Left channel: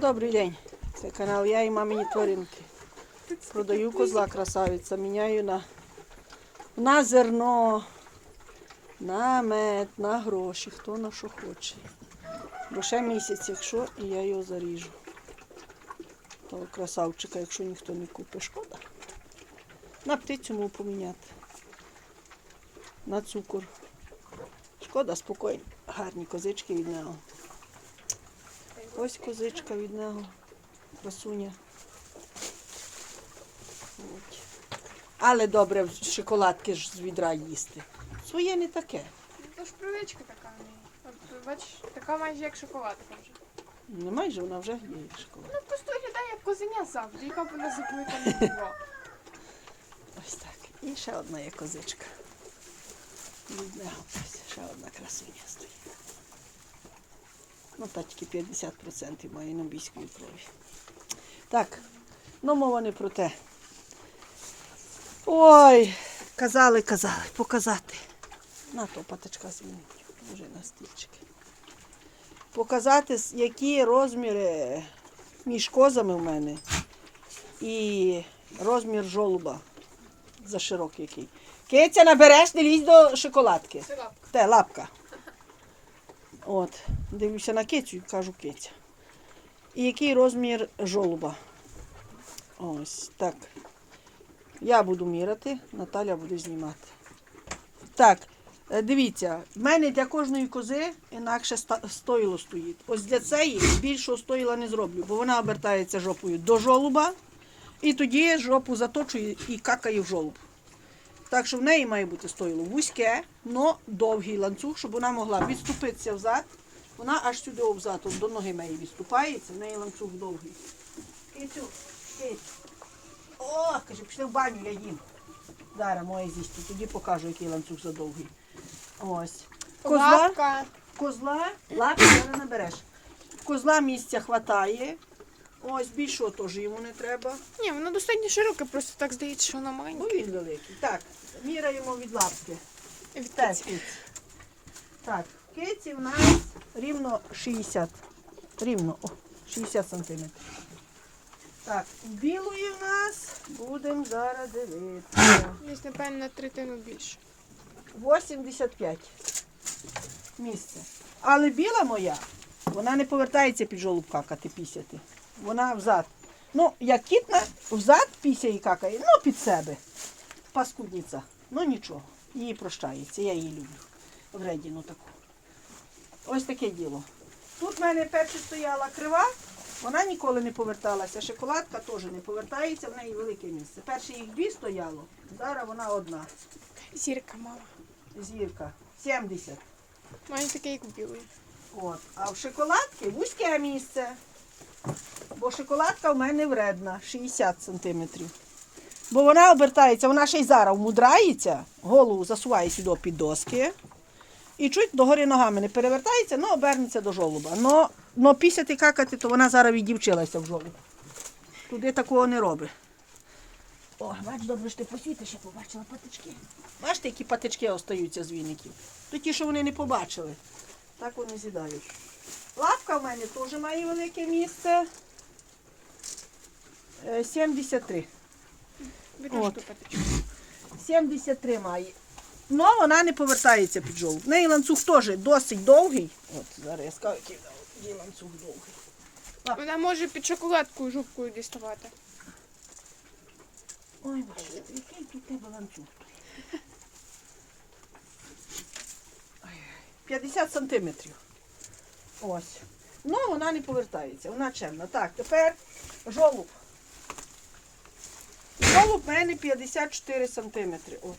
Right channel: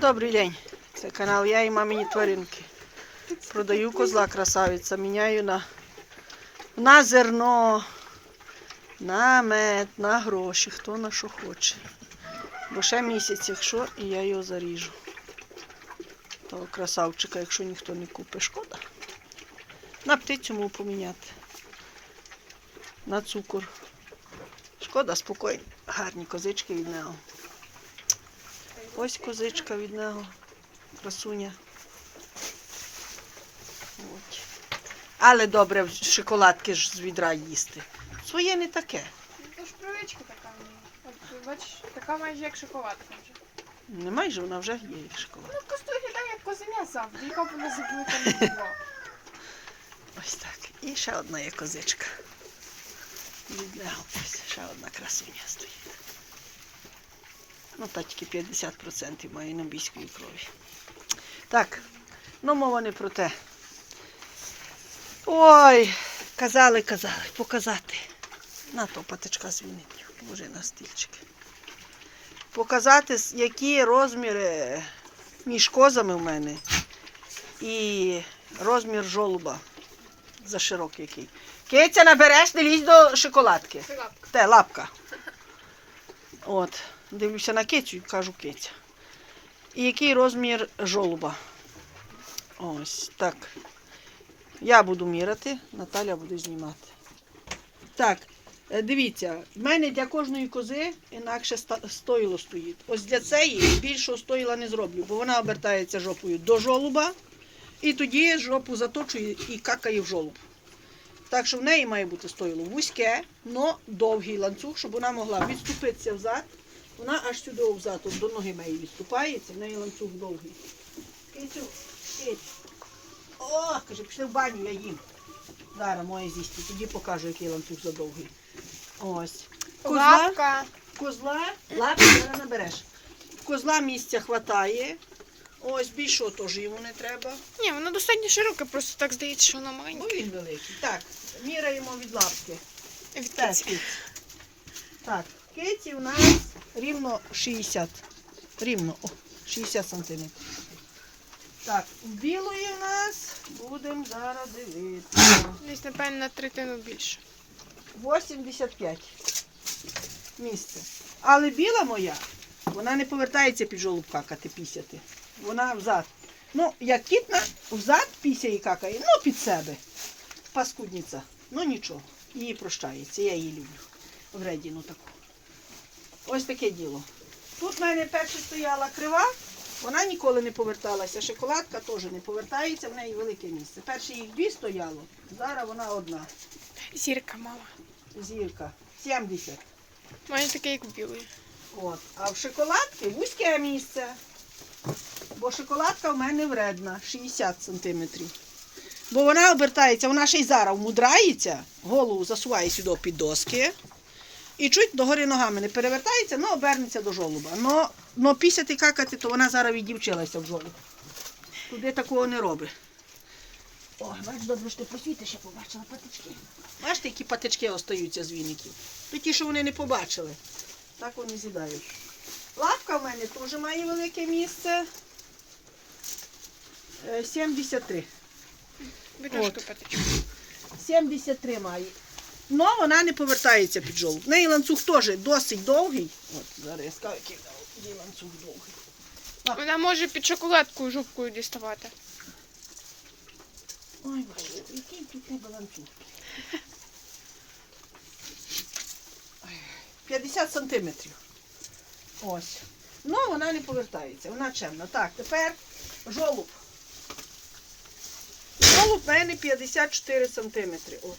Добрий день. Це канал Я і мамині тваринки. Продаю козла красавиця, міняю на, на зерно, на мед, на гроші, хто на що хоче. Бо ще місяць, якщо, і я його заріжу. Того красавчика, якщо ніхто не купить, шкода. На птицю можу поміняти. На цукор. Шкода, спокійно. Гарні козички від нього. Ось козичка від нього. Красуня. От. Але добре шоколадки ж з відра їсти. Своє не таке. Ну, ж привичка така. ну. От, бачиш, така майже як шоколадка вже. Не майже вона вже є як шоколад. Ну, просто виглядає як козеня завжди, яка б вона заблика не була. Ось так. І ще одна є козичка. Від нього ось ще одна красуня стоїть. Ну, та тільки 50% має нобійської крові. Так, ну мова не про те. Ой, казали, казали, показати. На то патичка з віників, може на стільчики. Показати, які розміри між козами в мене і розмір жолуба за широкий який. Киця набереш, не лізь до шоколадки. Це лапка. Те, лапка. От, дивлюся на кицю і кажу киця. І який розмір жолуба? Ось так. Я буду міряти, Наталя буде знімати. Так, е, дивіться, в мене для кожної кози інакше стоїло стоїть. Ось для цієї більшого стоїла не зроблю, бо вона обертається жопою до жолуба, і тоді жопу заточує і какає в жолуб. Так що в неї має бути стоїло вузьке, но довгий ланцюг, щоб вона могла відступитися взад. Вона аж сюди взад, от до ноги моєї відступається, в неї ланцюг довгий. О, каже, пішли в баню, я їм. Зараз моє з'їсти, тоді покажу, який ланцюг задовгий. Ось. Козла, Лапка. козла, лапи зараз набереш. Козла місця хватає. Ось більшого теж йому не треба. Ні, воно достатньо широке, просто так здається, що воно маленьке. він великий. Так, міряємо від лапки. Від киці. Так, киці у нас рівно 60. Рівно, о, 60 сантиметрів. Так, білої у нас будемо зараз дивитися. Десь, напевно, на третину більше. 85 місце. Але біла моя, вона не повертається під жолуб какати пісяти. Вона взад. Ну, як кітна, взад пісяє і какає, ну під себе. Паскудниця. Ну нічого. Її прощається. Я її люблю. Вредіну таку. Ось таке діло. Тут в мене перша стояла крива, вона ніколи не поверталася. Шоколадка теж не повертається, в неї велике місце. Перше їх дві стояло, зараз вона одна. Зірка мала. Зірка 70. Майже таке, як у білої. От. А в шоколадки вузьке місце. Бо шоколадка в мене вредна 60 сантиметрів. Бо вона обертається, вона ще й зараз вмудрається, голову засуває сюди під доски. І чуть догори ногами не перевертається, ну обернеться до жолуба. Но, но пісяти какати, то вона зараз віддівчилася в жолуб. Туди такого не робить. О, бач, добре, що ти посвітиш, я побачила патички. Бачите, які патички остаються з віників? То ті, що вони не побачили. Так вони з'їдають. Лапка в мене теж має велике місце. Е, 73. Видножку От. 73 має. Ну, вона не повертається під жолоб. В неї ланцюг теж досить довгий. От, зараз я скажу, який ланцюг довгий. Вона може під шоколадкою жопкою діставати. Ой, боже, який тут тебе ланцюг? 50 сантиметрів. Ось. Ну, вона не повертається, вона чемна. Так, тепер жолуб. В мене 54 сантиметри. От.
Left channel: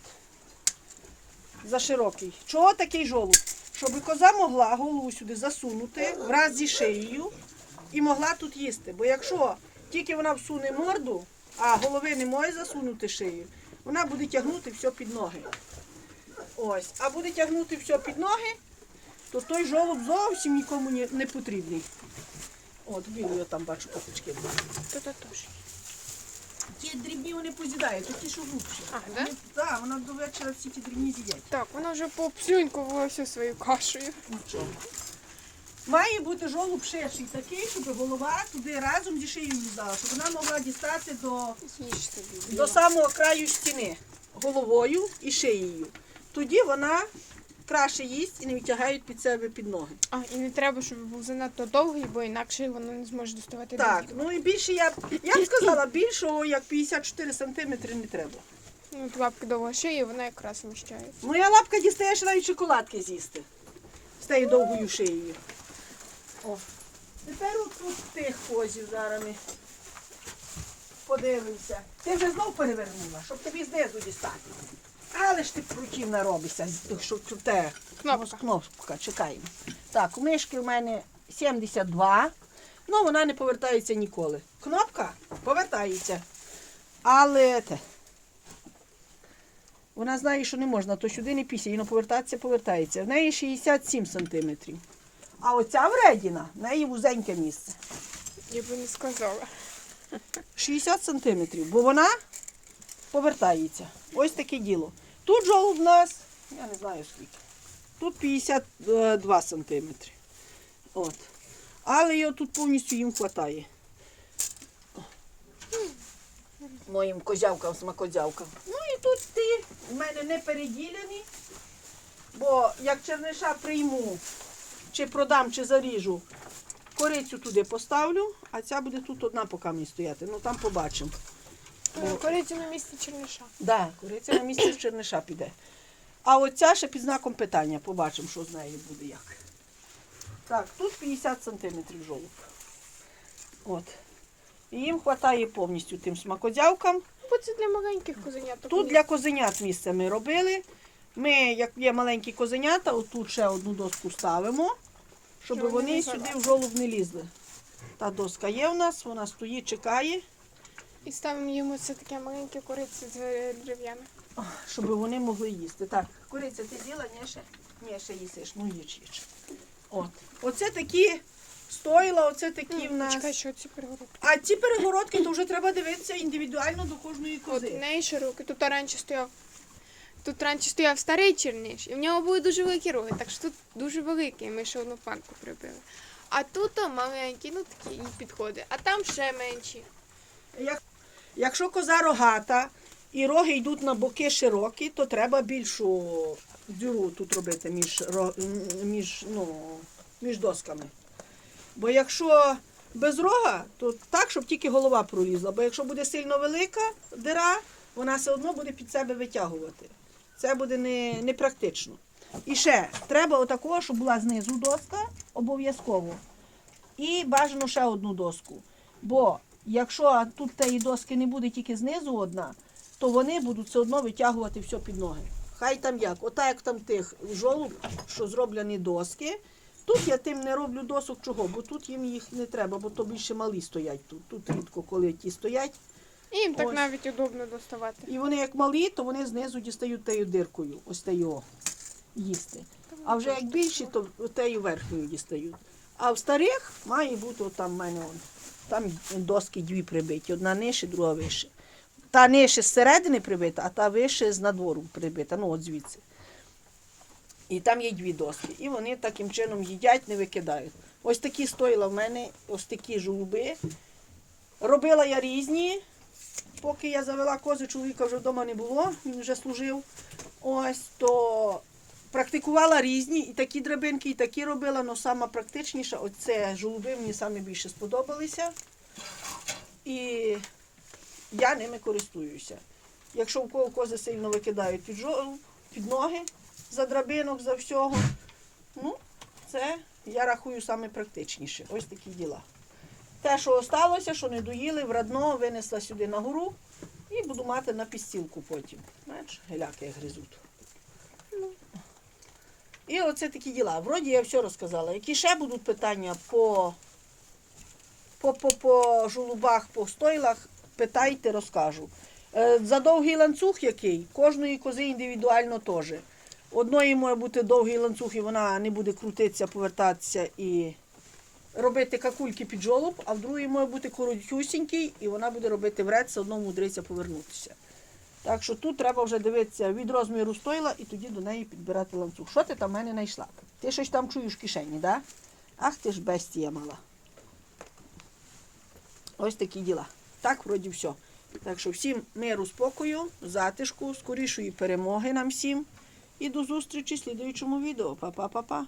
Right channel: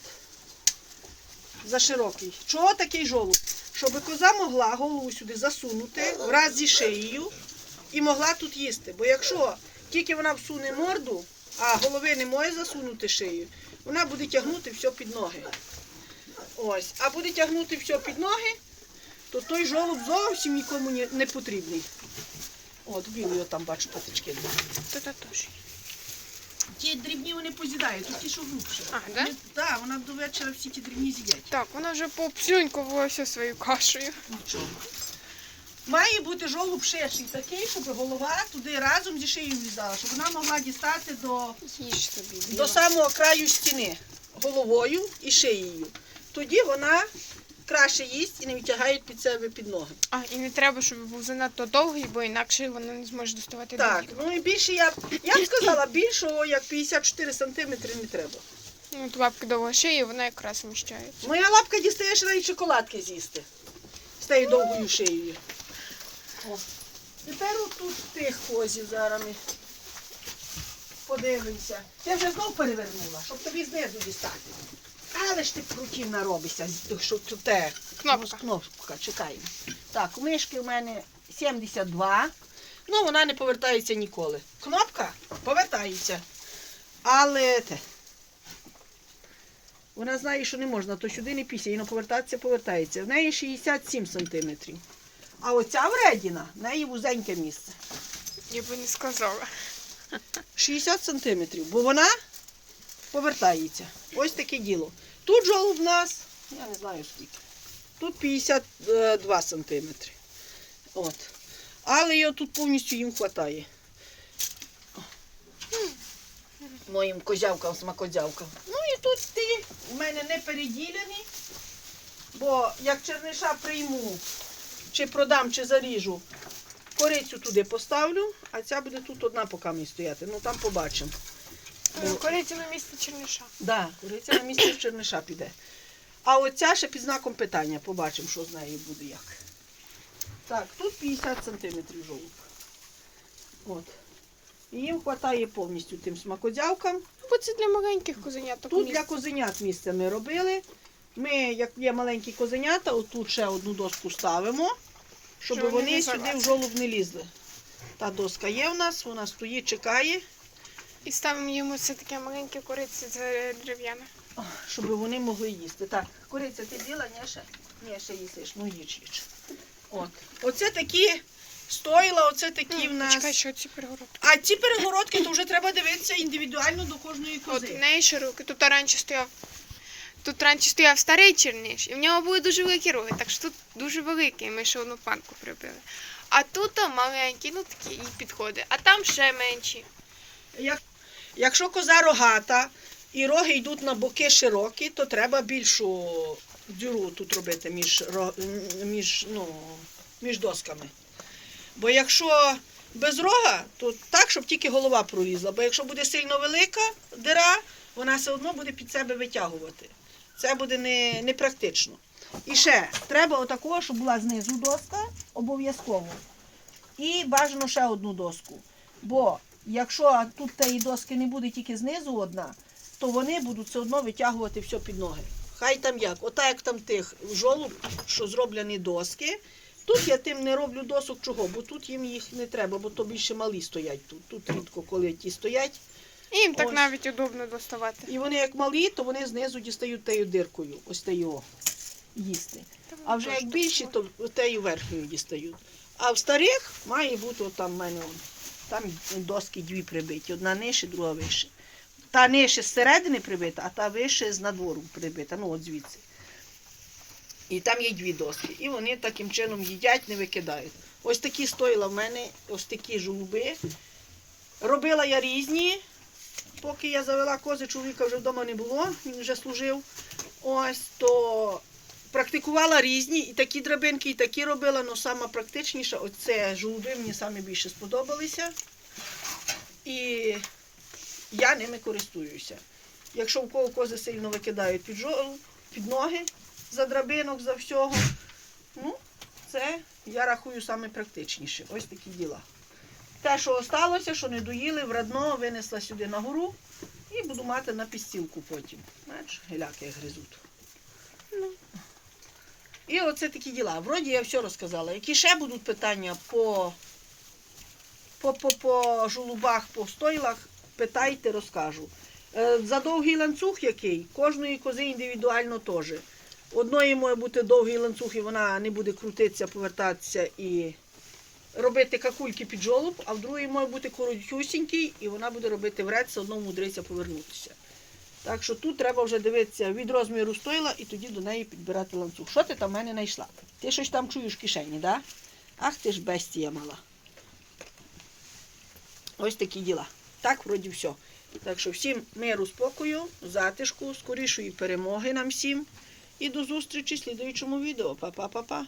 За широкий. Чого такий жолуб? Щоб коза могла голову сюди засунути враз зі шиєю і могла тут їсти. Бо якщо тільки вона всуне морду, а голови не може засунути шию, вона буде тягнути все під ноги. Ось. А буде тягнути все під ноги, то той жолоб зовсім нікому не, потрібний. От, білий там бачу патички. Та та теж. Ті дрібні вони позідають, то ті, що глубше. А, да? Вони- Так, вона до вечора всі ті дрібні з'їдять. Так, вона вже пообслюнькувала всю свою кашею. Нічого. Має бути жолуб ширший такий, щоб голова туди разом зі шиєю влізала, щоб вона могла дістати до, Їж тобі. до Біла. самого краю стіни головою і шиєю. Тоді вона краще їсть і не витягають під себе під ноги. А, і не треба, щоб був занадто довгий, бо інакше воно не зможе доставати Так, до ніг. ну і більше я, б- я б сказала, більшого як 54 сантиметри не треба. Ну, от лапки довго шиї, вона якраз вміщається. Моя лапка дістає ще навіть шоколадки з'їсти. З тією довгою шиєю. О. Тепер от тут тих козів зараз ми подивимося. Ти вже знов перевернула, щоб тобі знизу дістати. Але ж ти противна робишся, з- що тут те. Кнопка. Кнопка, чекаємо. Так, у мишки в мене 72. Ну, вона не повертається ніколи. Кнопка повертається. Але те. Вона знає, що не можна, то сюди не після, воно повертатися, повертається. В неї 67 сантиметрів. А оця вредіна, в неї вузеньке місце. Я би не сказала. 60 сантиметрів, бо вона повертається. Ось таке діло. Тут жолоб в нас, я не знаю скільки. Тут 52 сантиметри. От. Але його тут повністю їм вистачає. Моїм козявкам, смакозявкам. Ну і тут ті в мене не переділені, бо як черниша прийму, чи продам, чи заріжу, корицю туди поставлю, а ця буде тут одна поки мені стояти. Ну там побачимо. Е, Корицю на місце черниша. Да, куриця на місці черниша піде. А оця ще під знаком питання. Побачимо, що з нею буде як. Так, тут 50 сантиметрів жолоб. От. І їм вистачає повністю тим смакодявкам. Бо це для маленьких козеняток. Тут для козенят місце ми робили. Ми, як є маленькі козенята, отут ще одну доску ставимо, щоб Щоб вони вони сюди в жолоб не лізли. Та доска є в нас, вона стоїть, чекає, І ставимо йому це таке маленьке з е, дерев'яне. щоб вони могли їсти. Так, куриця ти біла, ні, ще? Ні, ще їсиш, ну їж, їж. От. Оце такі стойла, оце такі в нас. Чекай, що ці перегородки. А ці перегородки, то вже треба дивитися індивідуально до кожної От кози. в неї широкі. Тут раніше стояв. Тут раніше стояв старий черниш, і в нього були дуже великі роги, так що тут дуже великий, ми ще одну панку прибили. А тут о, маленький, ну такі і підходить. А там ще менші. Як, якщо коза рогата і роги йдуть на боки широкі, то треба більшу дюру тут робити між, між, ну, між досками. Бо якщо без рога, то так, щоб тільки голова пролізла. Бо якщо буде сильно велика дира, вона все одно буде під себе витягувати. Це буде не, непрактично. І ще треба отакого, щоб була знизу доска, обов'язково. І бажано ще одну доску. Бо якщо тут тієї доски не буде тільки знизу одна, то вони будуть все одно витягувати все під ноги. Хай там як, ота як там тих жолуб, що зроблені доски. Тут я тим не роблю досок чого, бо тут їм їх не треба, бо то більше малі стоять тут. Тут рідко, коли ті стоять. І їм так Ось. навіть удобно доставати. І вони як малі, то вони знизу дістають тею диркою, ось тею їсти. А вже як більші, то тею верхньою дістають. А в старих має бути там в мене он, там доски дві прибиті, одна нижче, друга вище. Та нижче зсередини прибита, а та вище з надвору прибита, ну от звідси. І там є дві доски. І вони таким чином їдять, не викидають. Ось такі стоїла в мене, ось такі жолуби. Робила я різні, поки я завела кози, чоловіка вже вдома не було, він вже служив. Ось то практикувала різні, і такі драбинки, і такі робила, але сама практичніша, оце жолуби мені саме більше сподобалися. І я ними користуюся. Якщо в кого кози сильно викидають під, жол- під ноги, за драбинок, за всього, ну, це я рахую саме практичніше. Ось такі діла. Те, що осталося, що не доїли, врадно винесла сюди на гору і буду мати на підстілку потім. Знаєш, геляки гризуть. І оце такі діла. Вроді я все розказала. Які ще будуть питання по, по, по, по жолубах, по стойлах, питайте, розкажу. Е, За довгий ланцюг який, кожної кози індивідуально теж. Одної може бути довгий ланцюг, і вона не буде крутитися, повертатися і робити какульки під жолоб, а в другій може бути коротюсінький, і вона буде робити все одно мудриться повернутися. Так що тут треба вже дивитися від розміру стойла і тоді до неї підбирати ланцюг. Що ти там в мене знайшла? Ти щось там чуєш в кишені? Да? Ах ти ж бестія мала. Ось такі діла. Так, вроді все. Так що всім миру, спокою, затишку, скорішої перемоги нам всім. І до зустрічі в слідуючому відео. Па-па-па-па.